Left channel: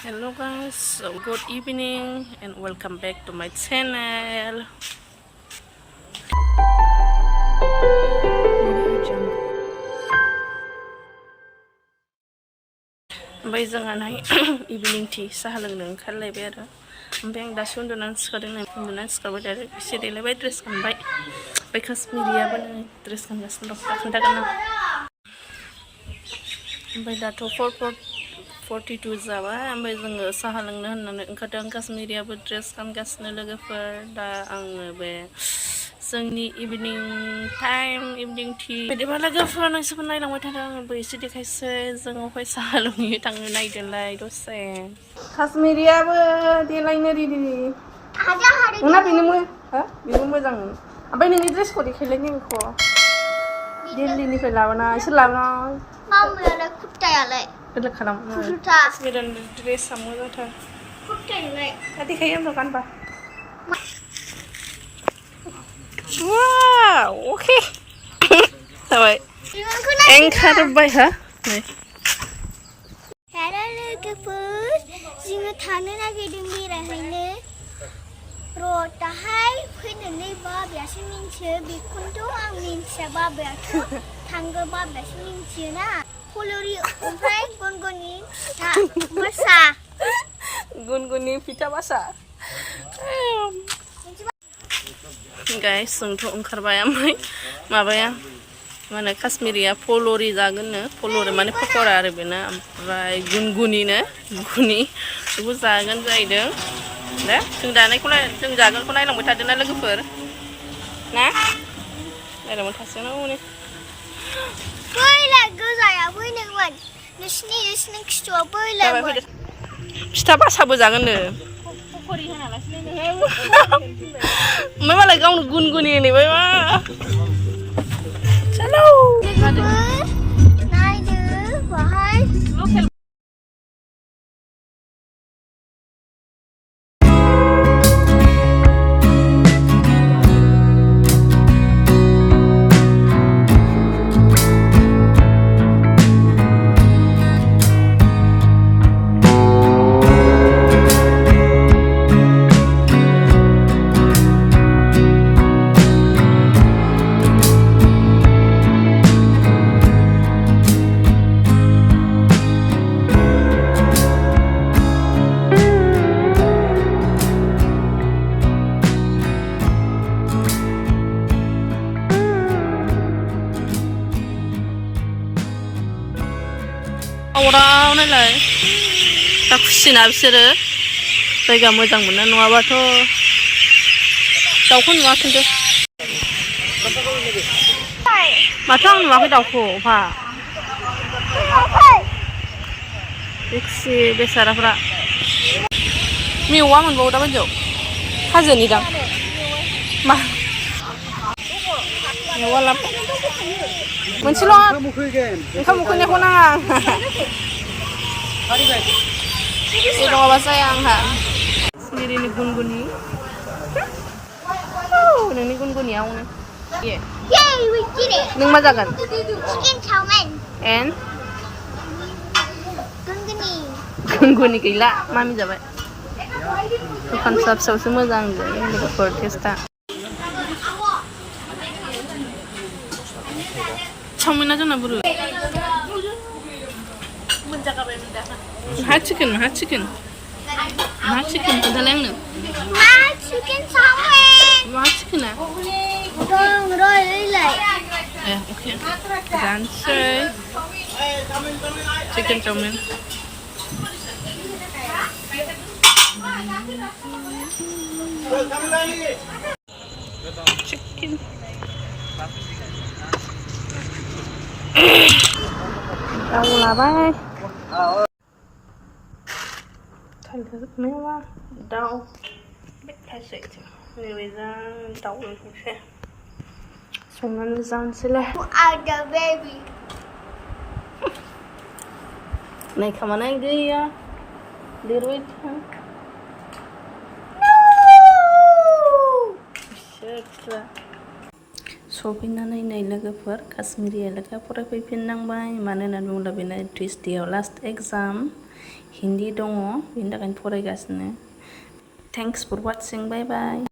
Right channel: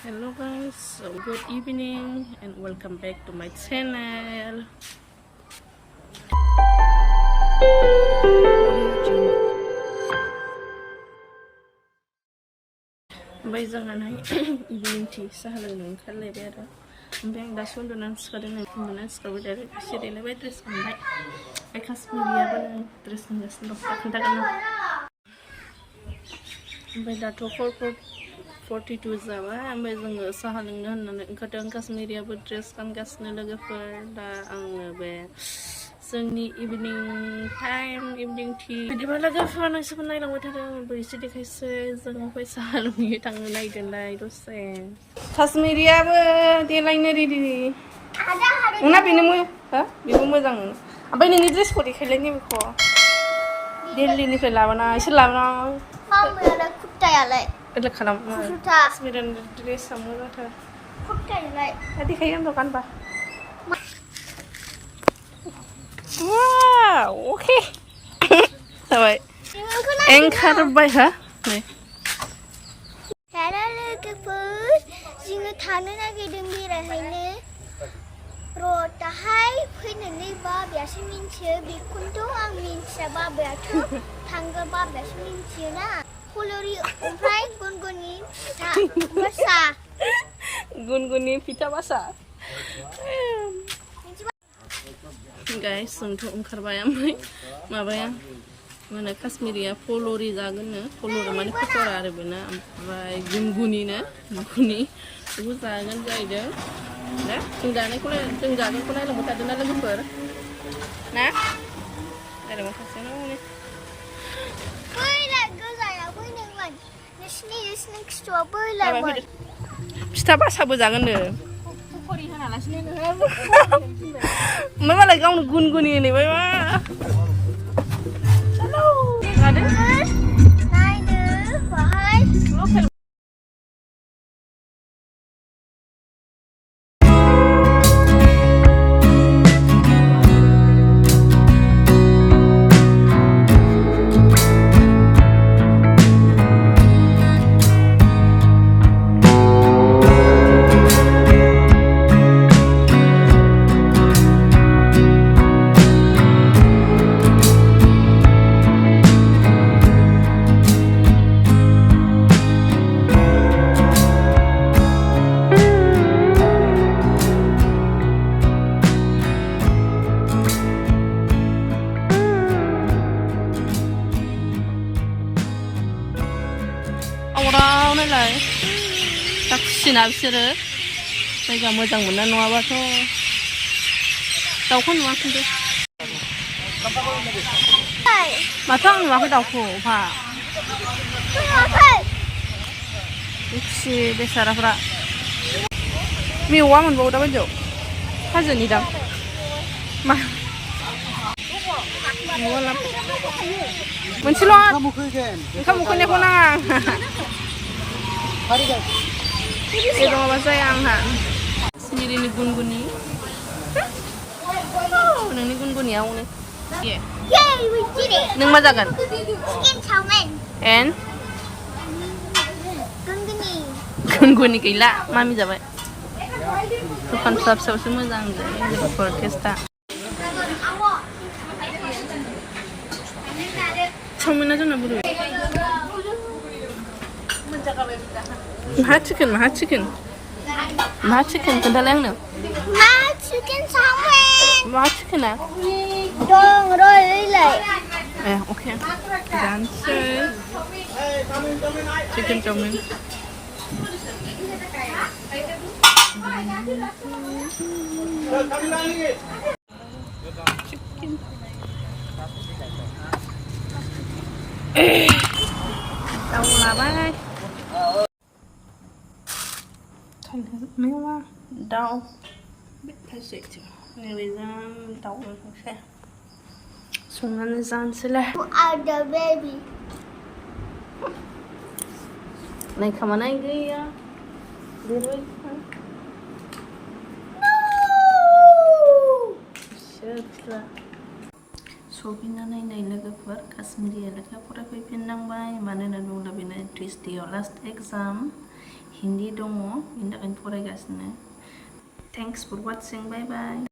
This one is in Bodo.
Hello guys, so good evening and welcome back to my channel. Oमफ्राय जोंहाहाय evening tea साहा लोंनो ओंखारलायबाय आरो ओमफ्राय आं दासो उन्दुनानै सिखारबाय आरो एसे देलायबाय ड्रेस गानबाय ओमफ्राय काश्मीरियाबो नै ड्रेस गानगासिनो दं दा खोन्थागोन आं ओमफ्राय दाथ' 4:42 जाबाय ओमफ्राय जोङो साहा लोंनो होननानै ओंखारदों काश्मीरियाबो ड्रेस गानगासिनो लोगोफोर दा आङो बे जोंनि इभिनिं टाइम इभिनिं टी बिदिबा लोगोफोर नोंसोरखौ नायलांबाय थादों आंबो एसे देखायसै जोङो अफाय साहा लोंहैयो थांनो नायदोंलाय दसे काश्मीरियाबो देलायनो रेडि नोंना बेनो बेबो मोजां ओमफ्राय नोंनि ड्रेसखौ देखायलाय नैबेखौ दिल्लीनिफ्राय लाबोनाय सोर लाबोनाय कुर्तायालाय बेलेग खालाम काश्मीरियान ड्रेसआ मोजांथार कुर्तायालाय दा देखायो आंथ' गानबा वाव अके जाबाय Ankarbai ha नै हेलो लोगोफोर जोङो थानो नागिरदों बेरायहैनो र'दाहाय फैनानै बाबायासो मिन्थियो बेखौनोथ' आं मिन्थिया बाबायाथ' थांगोन बाबायासो मिन्थियोना Polori ओमफ्राय गुनगुनि फिथा बासा गुनगुनि फिथा बासा गाइस जोंथ' ओंखारबाय ओमफ्राय माबाया माने काश्मीरिया पल'रि जागोननो पल'रि माने पक'रा आरो बेना ओमफ्राय गुनगुनिनो गुनि बेखौ जागोन जाहैदों दा जों जागोनखौ नायलांबाय थादोंना लोगोफोर ना नायलांबाय थासिगोन हनै बैलाय गोजाया फैदोंमोन नोंसिनि खिथुआव बैलायमोन फिथा बासाबो जागोननो पक'रि होनालासिनो ओमफ्राय मालाय गावनो गुनगुनि होनबाय मा चलो नायदो बाहाय अराव नायलाय दा खुसिना बिसोरो जायगा मोजां मोना नङाबाथ' दाउखौ नुवा खिन्थु माथो आं नुवाखै दाउखौ फा बे खुसि बेसाराफ्रा मेवा मोनबावो दा बायदियाव हाजोनि दां मा मेवा लाब मोनसेल' ओंखाम उखैनायखौ नाङा बे नङाबा जाया आंहा काश्मीरिनि गुनगुनि नोंनि गुनगुनिया हनै नों मा जागोन एन गुनगुनि गैला मामि जाबाय दखान फिसा फिसायावसो मोजां जायो लोगोफोर टेस्टआ चावमिना जोंना बोरो मा चिकेन खोन्थालाय आंनो मा चिकेना अके जानोसै चिकेन चावमिन चिकेन दाउ लाबाय मेवा दाउ फारसेथिं नैबेजों दाउ संसै संनानै जानोसैलाय नै खामानाय गैया देरबाय सफैनानै नै लोगोफोर काश्मीरिया लेखा फरायफैफिननांबाय मानो होननानै बुङोब्ला बेना टिउसडेआव लास्ट एग्जाम हिन्दी दङ बेनि थाखायनो फरायगासिनो थेंक्स फर वाचिं बाय बाय